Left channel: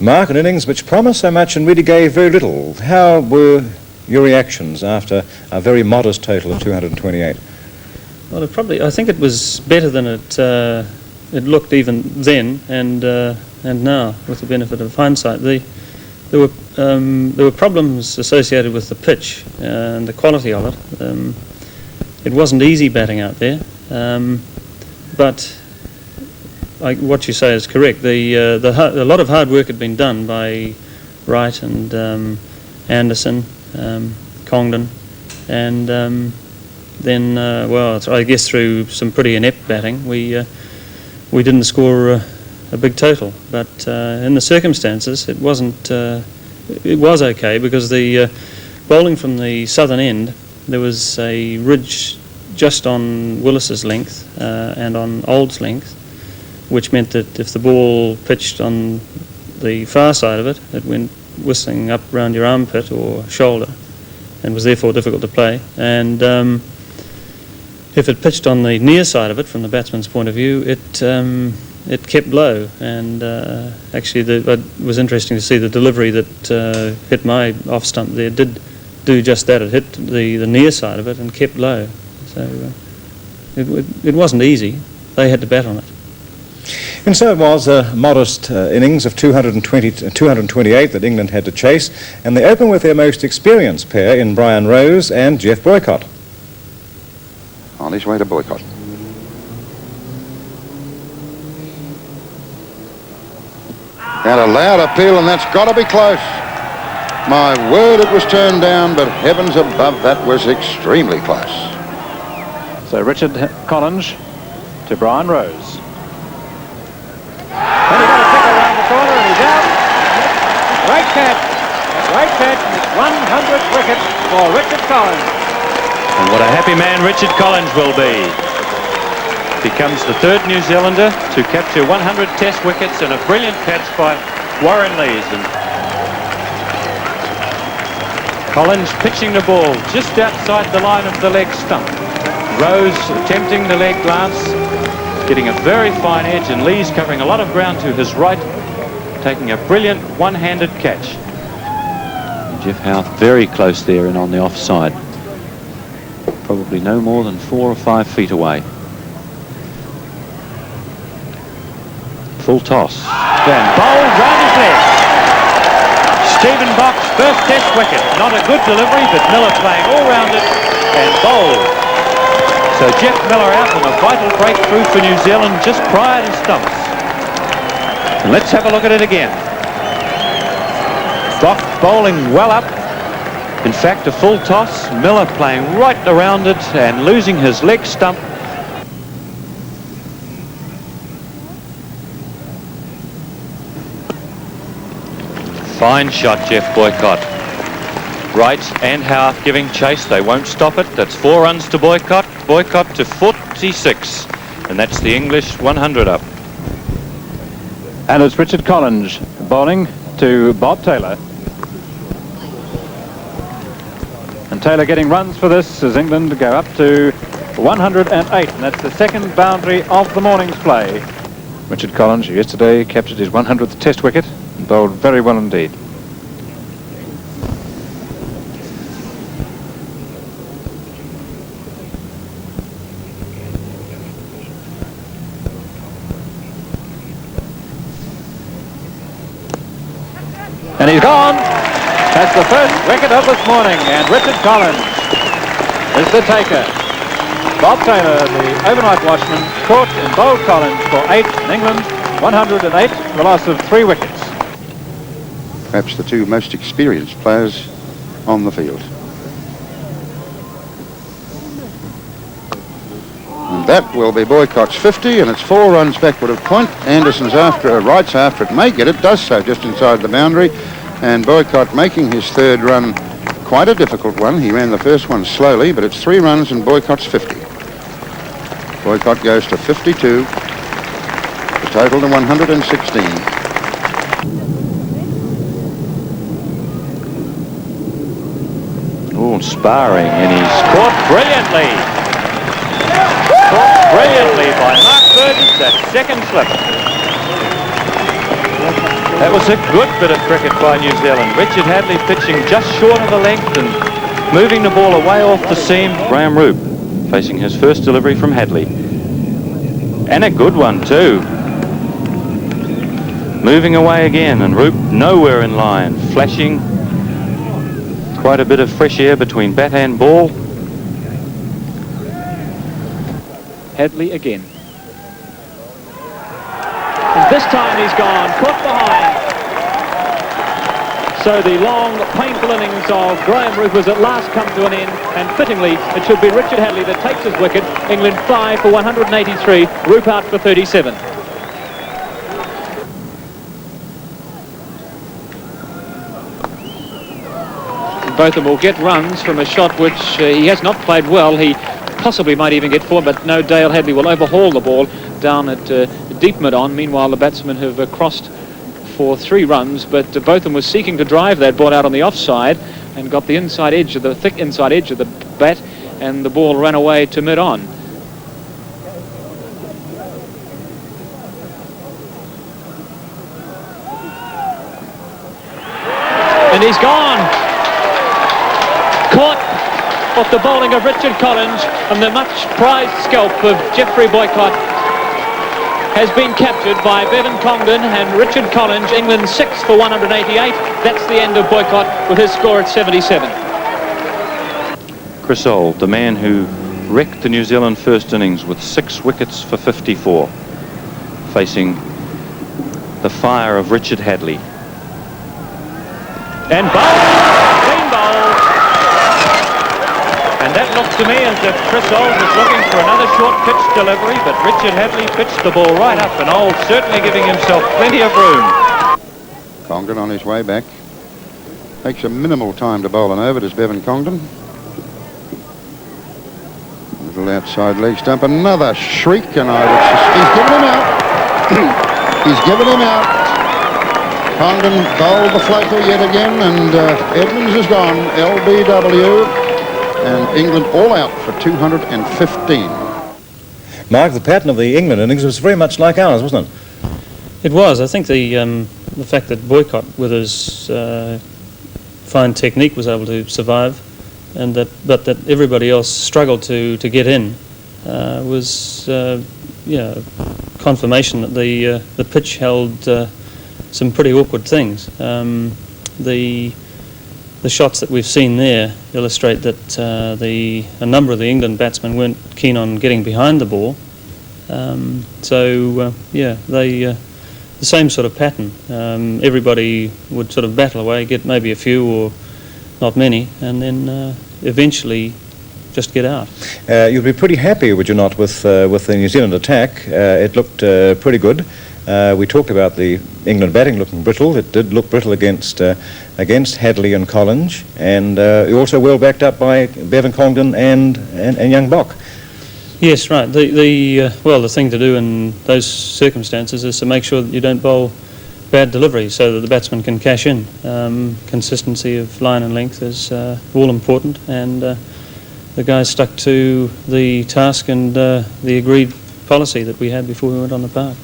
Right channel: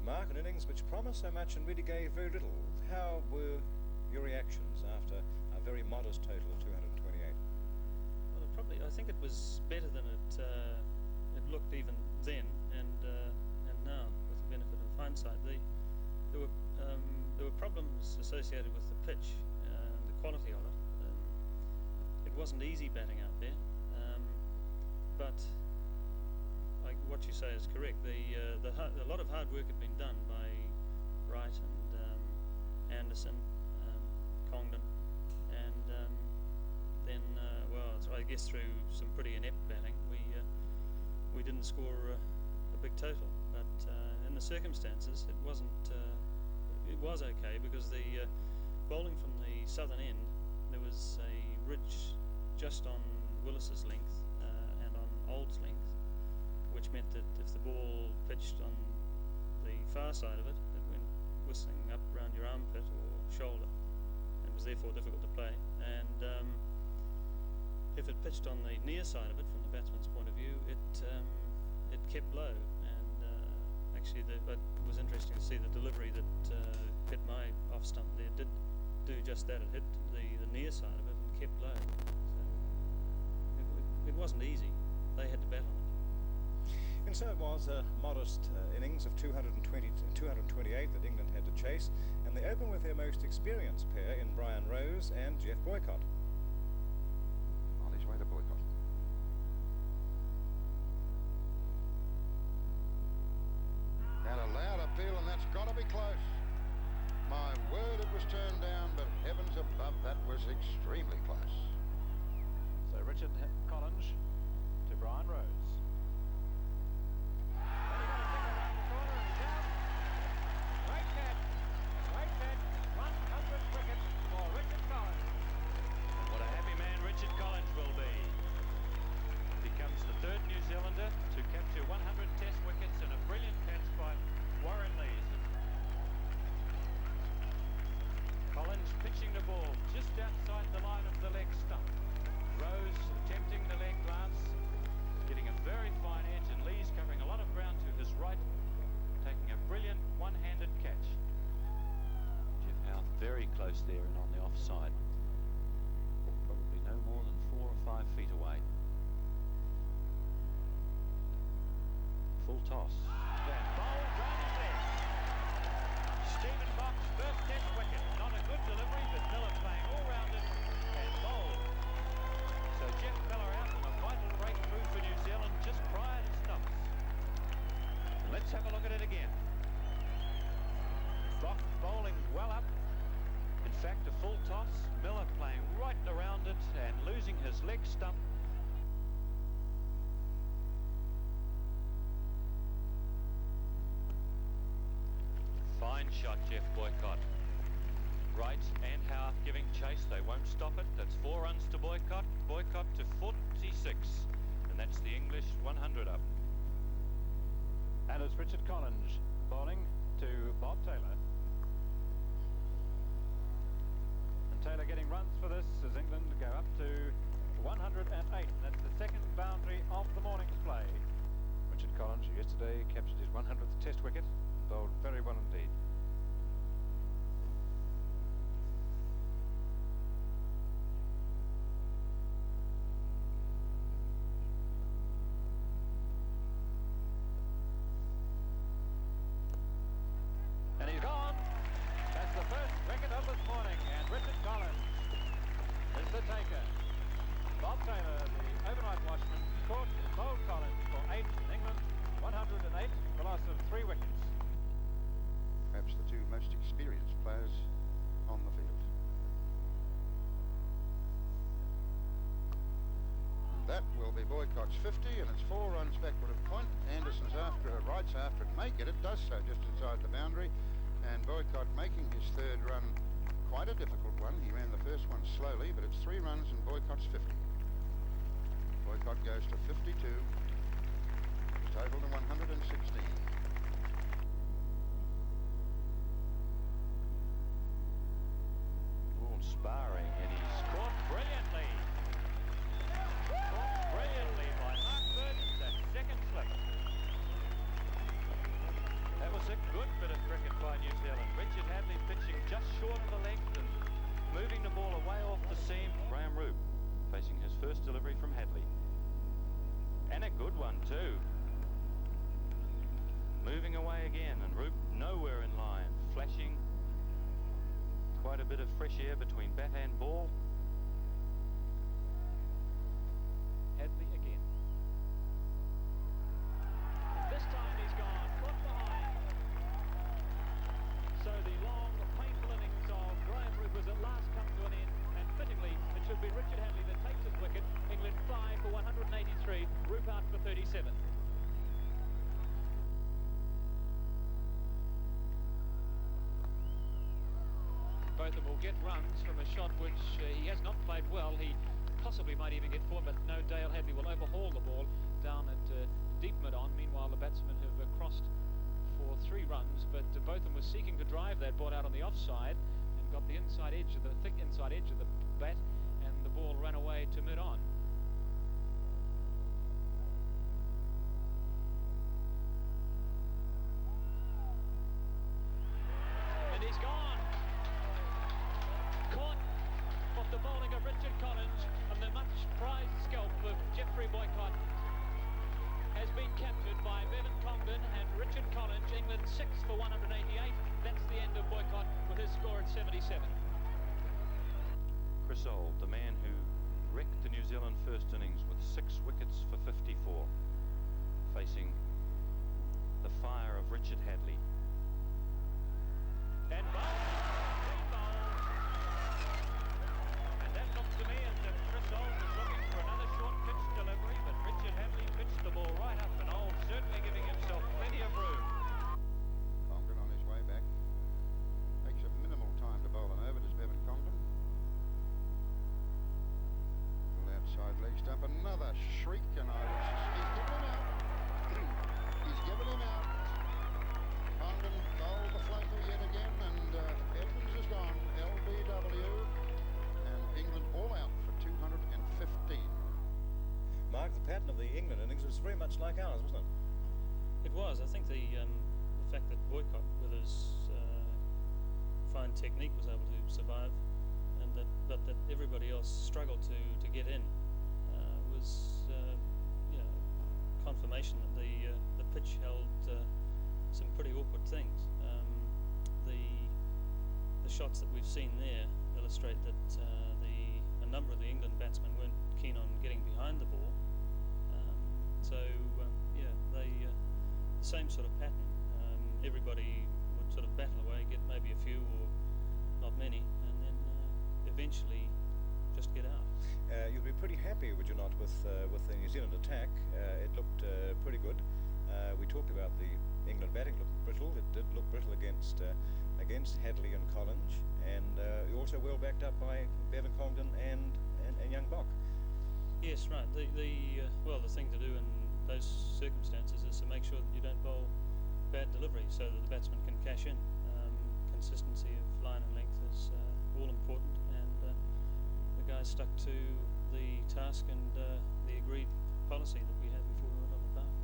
Mark, an innings which promised so much and really gave very little. How were your reactions after a very modest total of 228? Well, I think it was better than it looked even then and now, with the benefit of hindsight. There were problems associated with the pitch and the quality of it. It wasn't easy batting out there, but what you say is correct. A lot of hard work had been done by Wright and Anderson, Congdon, and then, well, I guess through some pretty inept batting, we didn't score a big total. But in the circumstances, it wasn't. It was okay because the bowling from the southern end, there was a ridge just on Willis's length and on Old's length, which meant that if the ball pitched on the far side of it, it went whistling up round your armpit or shoulder and was therefore difficult to play. And if it pitched on the near side of it, from the batsman's point of view, it kept low. And actually it was interesting to see the delivery that hit my off stump there did do just that. It hit the near side of it and kept low. So it wasn't easy. They had to bat on it. And so it was a modest innings of 228 that England had to chase, and they open with their most experienced pair in Brian Rose and Jeff Boycott. On his way to Boycott. And a loud appeal, and that's got to be close. My word, it was turned down, but heavens above, that was extremely close. So Richard Collinge to Brian Rose. And he got a tickle around the corner and he's out. Great catch. Great catch. And it's 100th wicket for Richard Collinge. And what a happy man Richard Collinge will be. Becomes the third New Zealander to capture 100 Test wickets, and a brilliant catch by Warren Lees. And Collinge pitching the ball just outside the line of the leg stump. Rose attempting the leg glance, getting a very fine edge, and Lees covering a lot of ground to his right, taking a brilliant one-handed catch. Jeff Howe very close there and on the offside. Probably no more than 4 or 5 feet away. Full toss. And bowled round his leg. Stephen Bock's first Test wicket. Not a good delivery, but Miller playing all round it and bowled. So Jeff Miller out on a vital breakthrough for New Zealand just prior to stumps. And let's have a look at it again. Bock bowling well up. In fact, a full toss. Miller playing right around it and losing his leg stump. Fine shot, Jeff Boycott. Wright and Howe giving chase. They won't stop it. That's 4 runs to Boycott. Boycott to 46. And that's the English 100 up. And it's Richard Collinge bowling to Bob Taylor. And Taylor getting runs for this as England go up to 108. And that's the second boundary of the morning's play. Richard Collinge yesterday captured his 100th Test wicket and bowled very well indeed. And he's gone. That's the first wicket of this morning, and Richard Collinge is the taker. Bob Taylor, the overnight watchman, caught and bowled Collinge for 8 in England, 108, the loss of 3 wickets. Perhaps the two most experienced players on the field. And that will be Boycott's 50, and it's 4 runs backward of point. Anderson's after, Wright's after it, may get it, does so just inside the boundary. And Boycott making his 3rd run, quite a difficult one. He ran the first one slowly, but it's 3 runs and Boycott's 50. Boycott goes to 52, the total to 116. Oh, sparring, and he's caught brilliantly. Caught brilliantly by Mark Burgess, that second slip. That was a good bit of cricket by New Zealand. Richard Hadlee pitching just short of the length and moving the ball away off the seam. Graham Roope facing his first delivery from Hadlee. And a good one too. Moving away again, and Roope nowhere in line, flashing quite a bit of fresh air between bat and ball. Hadlee again. And this time he's gone, caught behind. So the long, painful innings of Graham Roope has at last come to an end, and fittingly, it should be Richard Hadlee that takes his wicket. England 5 for 183, Roope out for 37. Botham will get runs from a shot which he has not played well. He possibly might even get 4, but no, Dale Hadlee will overhaul the ball down at deep mid-on. Meanwhile, the batsmen have crossed for 3 runs, but Botham was seeking to drive that ball out on the offside and got the inside edge of the thick inside edge of the bat, and the ball ran away to mid-on. And he's gone. Caught off the bowling of Richard Collinge, and the much prized scalp of Geoffrey Boycott has been captured by Bevan Congdon and Richard Collinge. England 6 for 188. That's the end of Boycott with his score at 77. Chris Old, the man who wrecked the New Zealand first innings with 6 wickets for 54, facing the fire of Richard Hadlee. And bowled, clean bowled. And that looked to me as if Chris Old was looking for another short pitch delivery, but Richard Hadlee pitched the ball right up, and Old certainly giving himself plenty of room. Congdon on his way back. Takes a minimal time to bowl an over, does Bevan Congdon. Little outside leg stump, another shriek, and he's given him out. He's given him out. Congdon bowled the floater yet again, and Edmonds is gone, LBW, and England all out for 215. Mark, the pattern of the England innings was very much like ours, wasn't it? It was. I think the fact that Boycott, with his fine technique, was able to survive, and but that everybody else struggled to get in, was confirmation that the pitch held some pretty awkward things. The shots that we've seen there illustrate that a number of the England batsmen weren't keen on getting behind the ball. The same sort of pattern. Everybody would sort of battle away, get maybe a few or not many, and then eventually just get out. You'd be pretty happy, would you not, with the New Zealand attack? It looked pretty good. We talked about the England batting looking brittle. It did look brittle against Hadlee and Collinge, and also well backed up by Bevan Congdon and young Boock. Yes, right. The thing to do in those circumstances is to make sure that you don't bowl bad delivery so that the batsman can cash in. Consistency of line and length is all important, and the guys stuck to the task and the agreed policy that we had before we went on the park.